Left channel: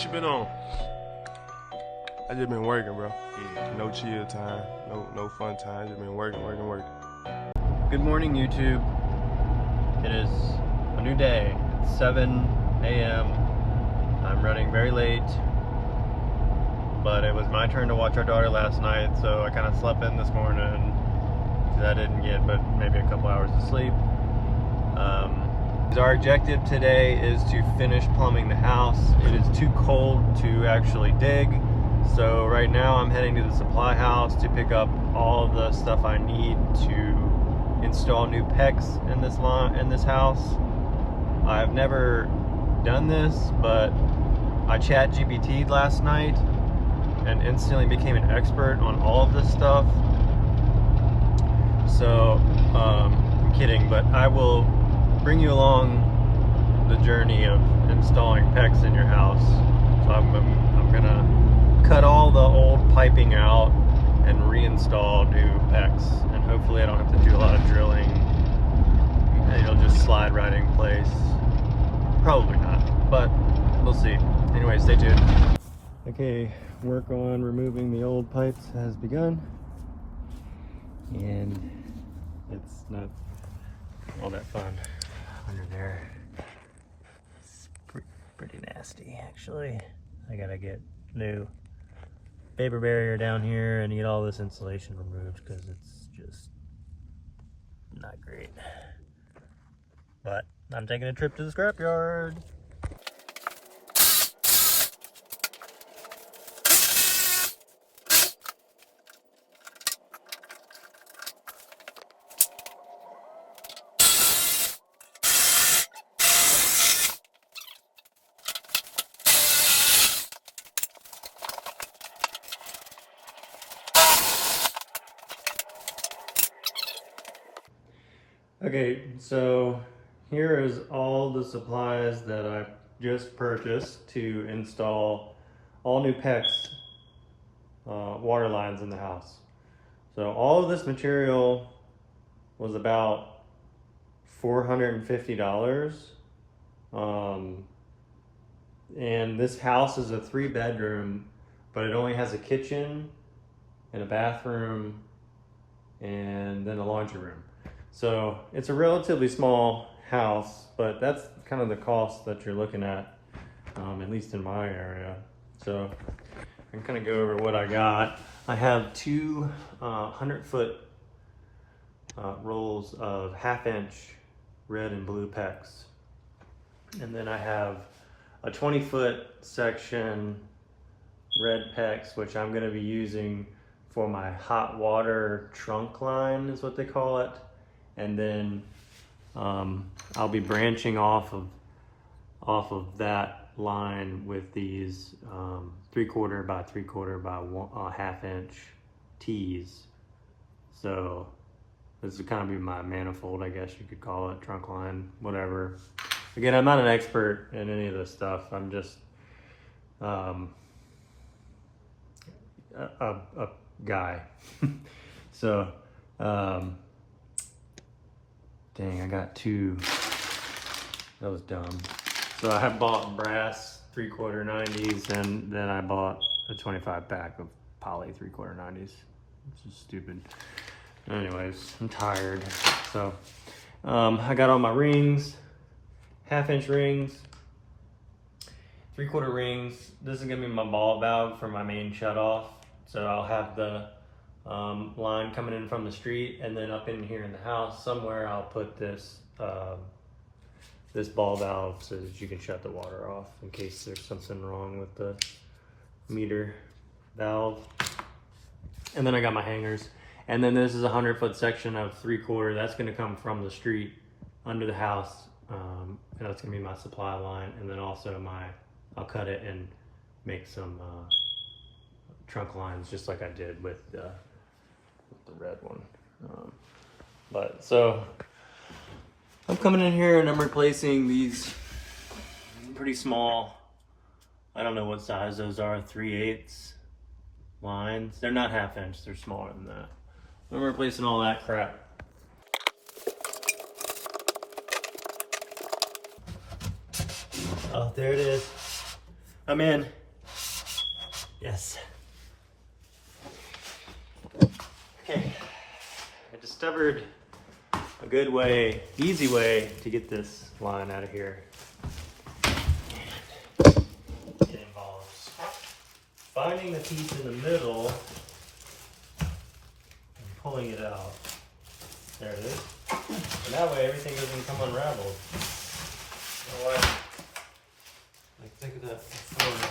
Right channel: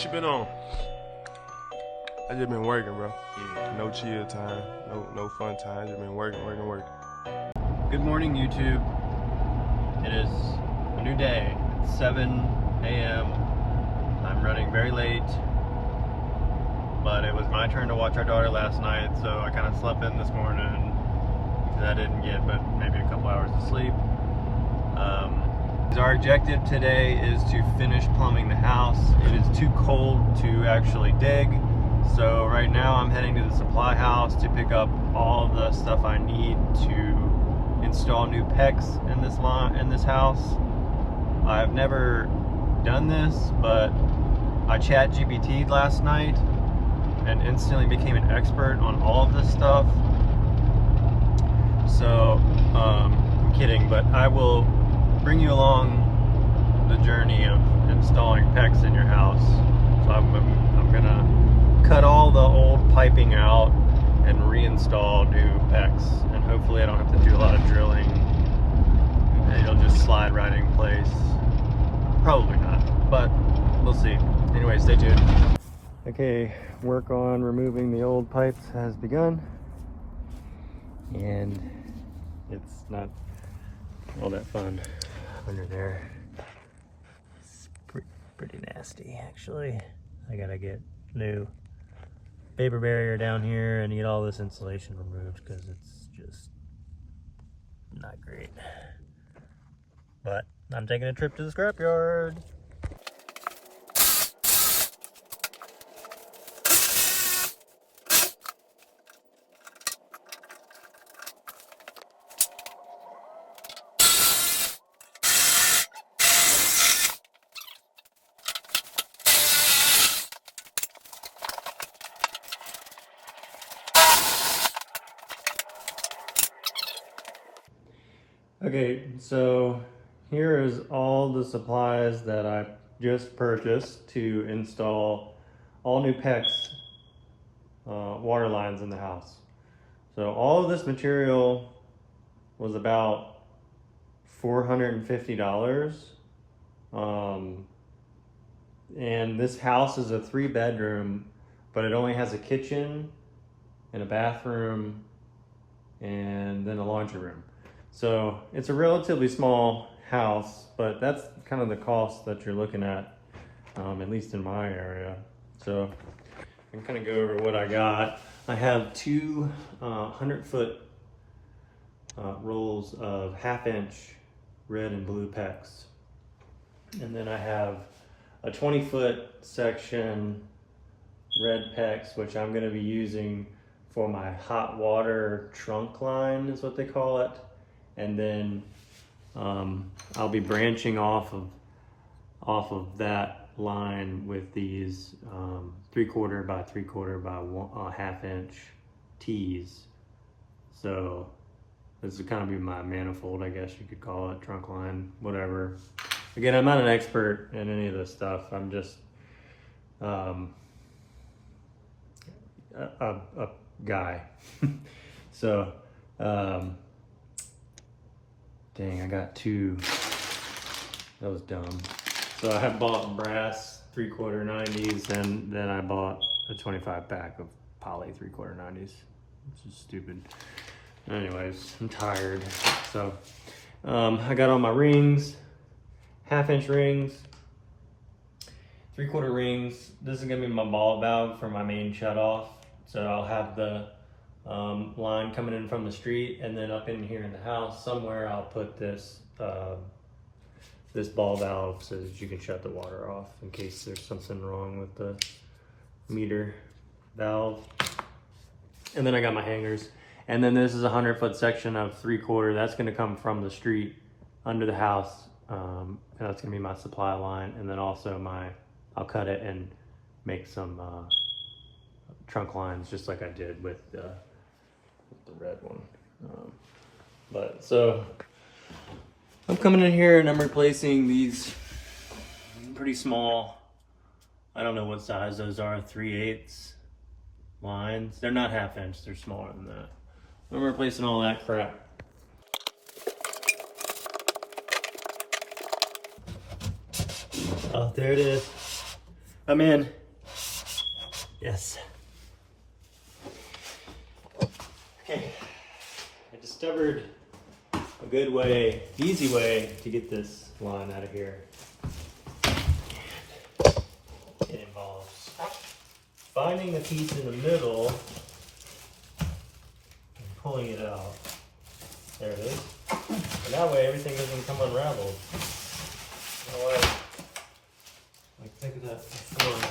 What you been on? I just been working, bro. Yeah. No chill time, no fun time. Just been working. Good morning, YouTube. It is a new day. It's 7 a.m. I'm running very late, but it was my turn to watch our daughter last night, so I kind of slept in this morning because I didn't get but maybe a couple hours of sleep. Our objective today is to finish plumbing the house. It is too cold to actually dig, so right now I'm heading to the supply house to pick up all the stuff I need to install new PEX in this house. I've never done this, but I chat GPT'd last night and instantly became an expert on all of this stuff. So I'm kidding, but I will bring you along the journey of installing PEX in your house. So I'm gonna cut all the old piping out and reinstall new PEX, and hopefully I don't have to do a lot of drilling and it'll just slide right in place. Probably not, but we'll see. Anyway, stay tuned. Okay, work on removing the old pipes has begun, and it's not all that fun under there. It's pretty nasty, actually. I gotta get new paper barrier down here and get all this insulation removed because it's just not great. But I'm taking a trip to the scrapyard. Okay, so here is all the supplies that I just purchased to install all new PEX water lines in the house. So all of this material was about $450. And this house is a 3-bedroom, but it only has a kitchen and a bathroom and then a laundry room. So it's a relatively small house, but that's kind of the cost that you're looking at least in my area. So I'm gonna go over what I got. I have two 100-foot rolls of 1/2-inch red and blue PEX. And then I have a 20-foot section red PEX, which I'm gonna be using for my hot water trunk line is what they call it. And then I'll be branching off of that line with these 3/4 by 3/4 by 1/2-inch tees. So this is kind of be my manifold, I guess you could call it, trunk line, whatever. Again, I'm not an expert in any of this stuff. I'm just a guy. So dang, I got two. That was dumb. So I have bought brass 3/4 90s, and then I bought a 25 pack of poly 3/4 90s. This is stupid. Anyways, I'm tired. So I got all my rings, 1/2-inch rings, 3/4 rings. This is gonna be my ball valve for my main shutoff. So I'll have the line coming in from the street, and then up in here in the house somewhere I'll put this this ball valve so that you can shut the water off in case there's something wrong with the meter valve. And then I got my hangers, and then this is a 100-foot section of 3/4 that's going to come from the street under the house, and that's going to be my supply line. And then also I'll cut it and make some trunk lines just like I did with the red one. But so I'm coming in here and I'm replacing these pretty small, I don't know what size those are, 3/8 lines. They're not 1/2-inch, they're smaller than that. I'm replacing all that crap. Oh, there it is. I'm in. Yes. Okay. I discovered a good way, easy way to get this line out of here. It involves finding the piece in the middle and pulling it out. There it is. And that way everything doesn't come unraveled. Otherwise, I pick it up before.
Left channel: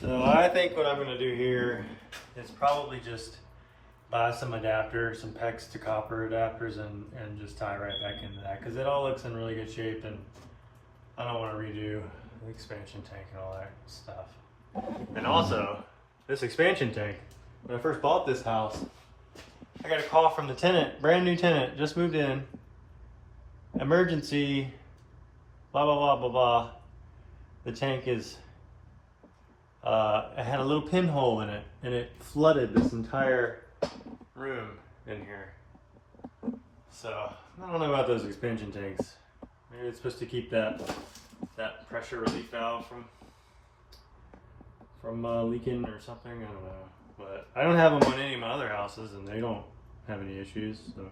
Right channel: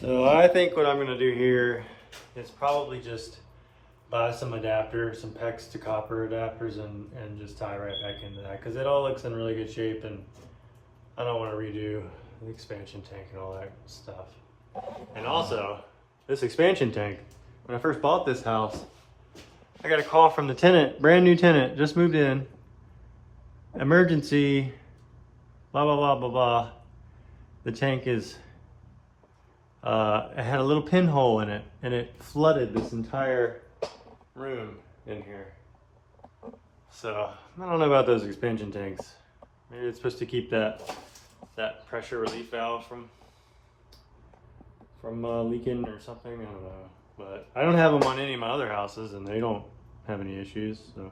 So I think what I'm going to do here is probably just buy some adapters, some PEX to copper adapters, and just tie right back into that, because it all looks in really good shape, and I don't want to redo the expansion tank and all that stuff. And also, this expansion tank, when I first bought this house, I got a call from the tenant, brand new tenant, just moved in, emergency, blah, blah, blah, blah, blah. The tank is it had a little pinhole in it, and it flooded this entire room in here. So I don't know about those expansion tanks. Maybe it's supposed to keep that pressure relief valve from leaking or something. I don't know, but I don't have them on any of my other houses, and they don't have any issues. So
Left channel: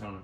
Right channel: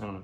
I don't know.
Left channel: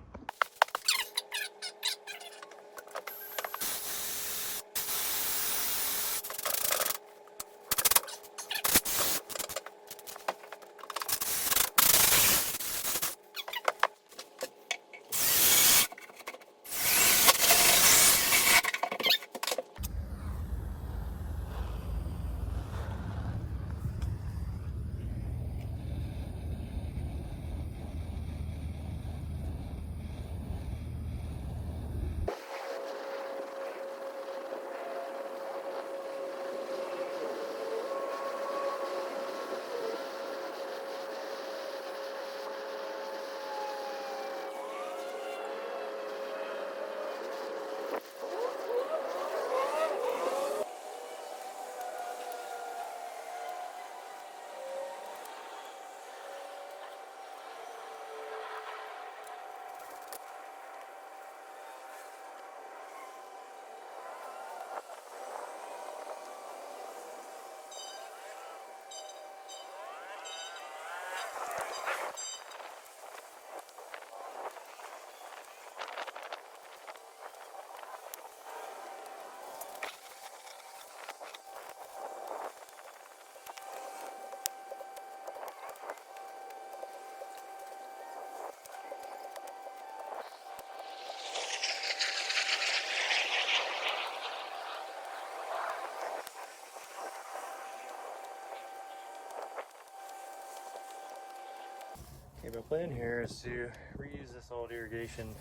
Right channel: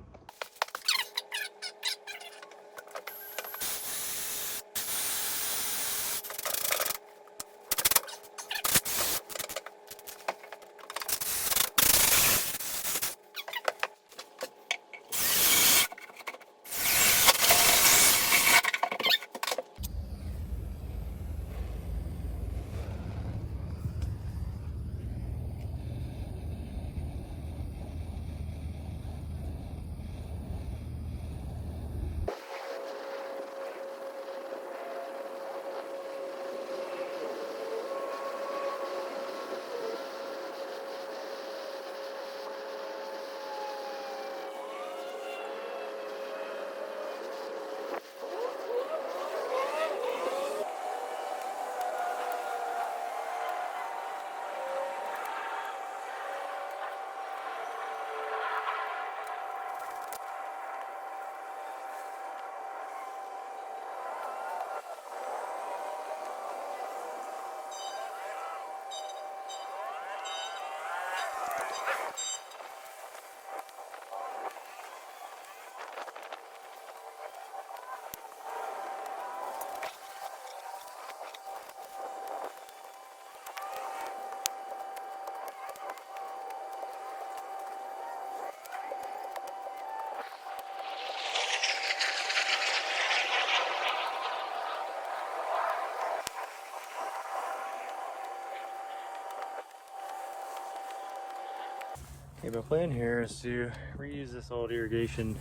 Okay, my plan here is to reuse this old irrigation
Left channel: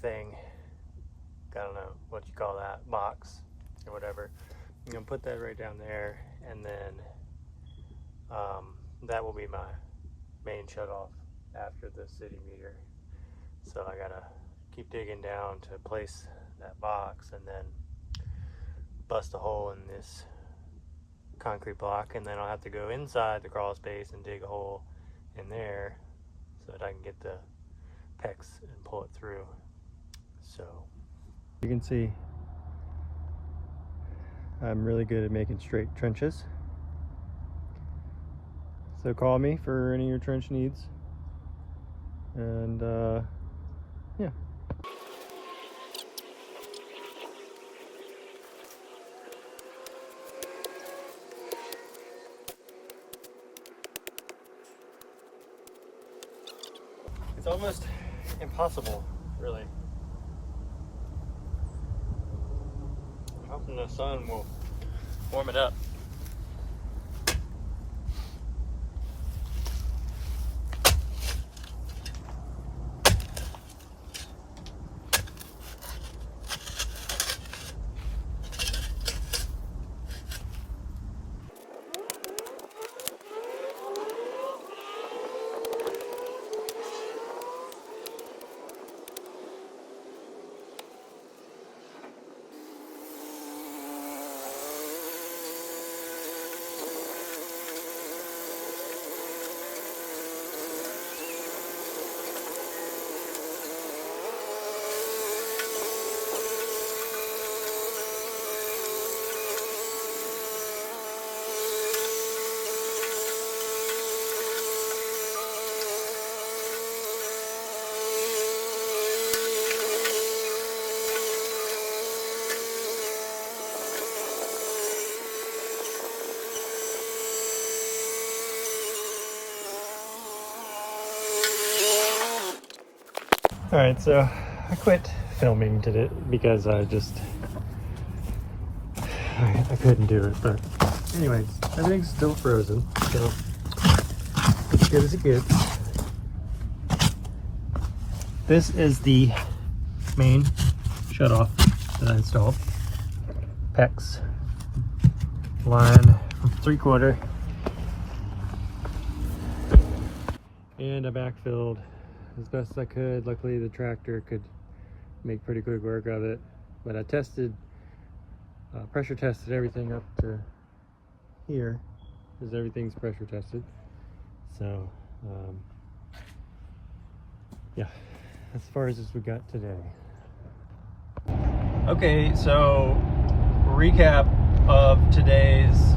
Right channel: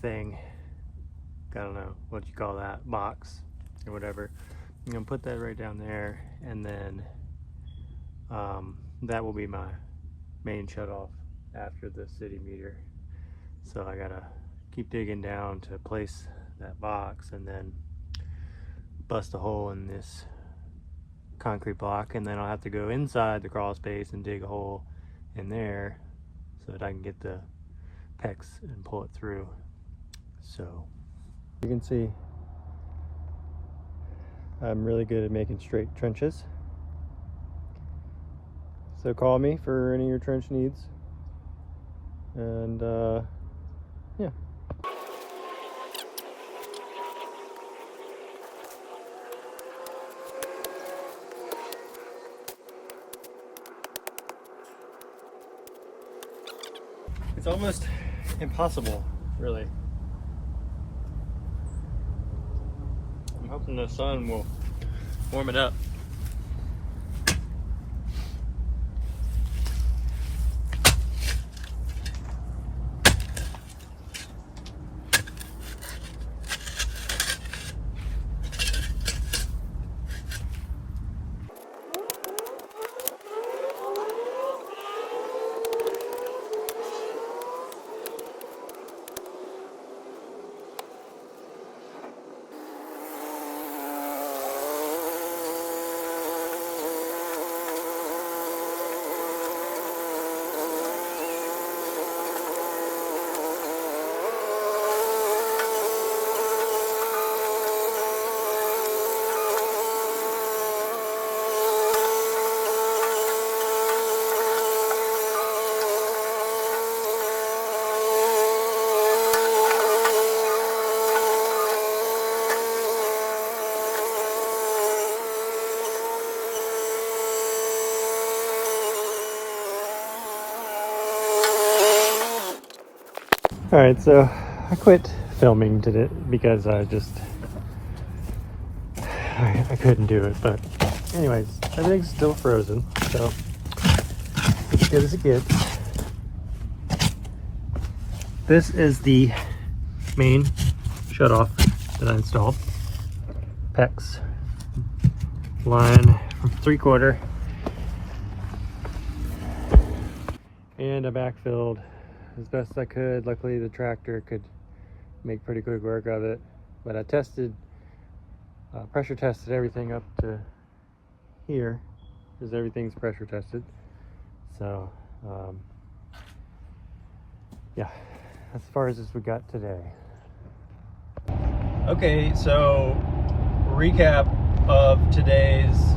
thing. I don't know what you call that, box or whatever. I'm gonna put that right down there, and then that will be my main shutoff after the city meter. So I gotta keep digging down to place that box, and then bust a hole in this concrete block, and then I'll have to go inside the crawl space and dig a hole in there so that I can get the PEX and pull it through. So you can see I'm really good at making straight trenches. So call me for any of your trench needs. And yeah. It's almost impossible, really. I'm hoping the sun will warm it up. All right, so I quit filming today because I couldn't do it. But anyways, everything's still frozen, so as good as it gets. This is the main shutoff that I installed. PEX line from 3/4, and I backfilled as best I could. Luckily the tractor could make pretty quick work of it, but I tested, pressure tested everything up to here, because everything's pressure tested. So yeah, as far as we got today. Okay, so recap of today's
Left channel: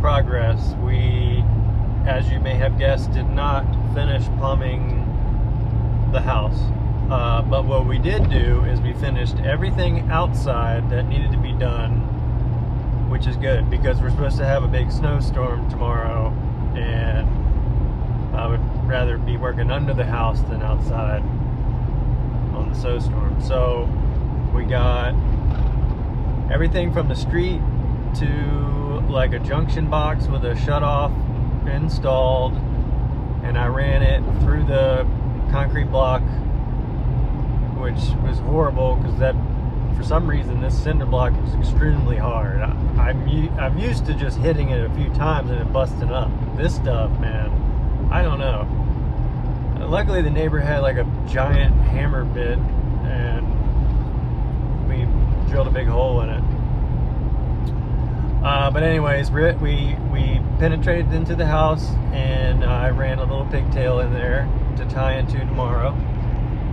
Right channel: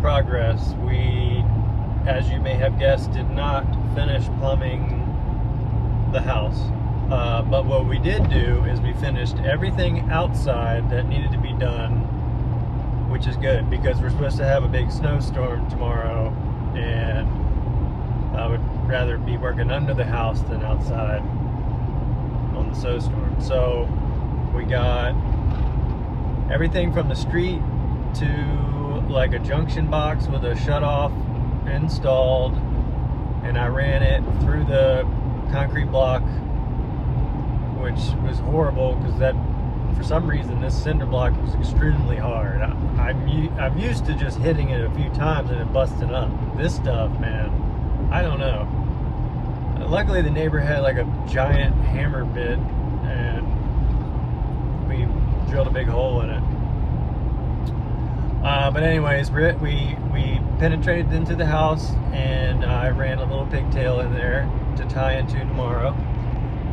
progress. We, as you may have guessed, did not finish plumbing the house, but what we did do is we finished everything outside that needed to be done, which is good because we're supposed to have a big snowstorm tomorrow, and I would rather be working under the house than outside on the snowstorm. So we got everything from the street to like a junction box with a shutoff installed, and I ran it through the concrete block, which was horrible because that, for some reason, this cinder block was extremely hard. I'm used to just hitting it a few times and it busted up. This stuff, man, I don't know. Luckily the neighbor had like a giant hammer bit and we drilled a big hole in it. But anyways, we penetrated into the house, and I ran a little pigtail in there to tie into tomorrow,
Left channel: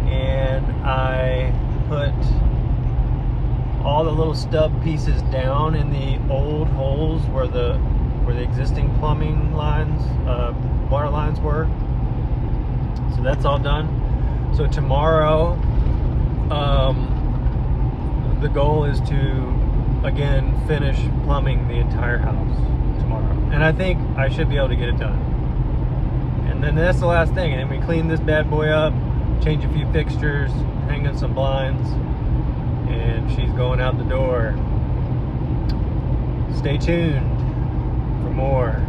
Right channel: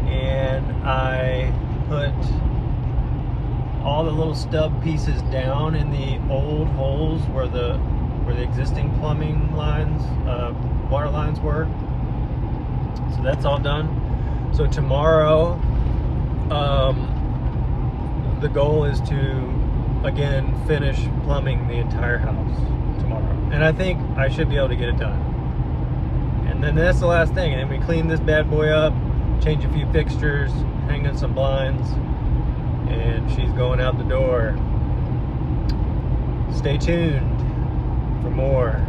and I put all the little stub pieces down in the old holes where the existing plumbing lines, water lines were. So that's all done. So tomorrow, the goal is to again finish plumbing the entire house tomorrow, and I think I should be able to get it done. And then that's the last thing, and then we clean this bad boy up, change a few fixtures, hang in some blinds, and she's going out the door. Stay tuned for more.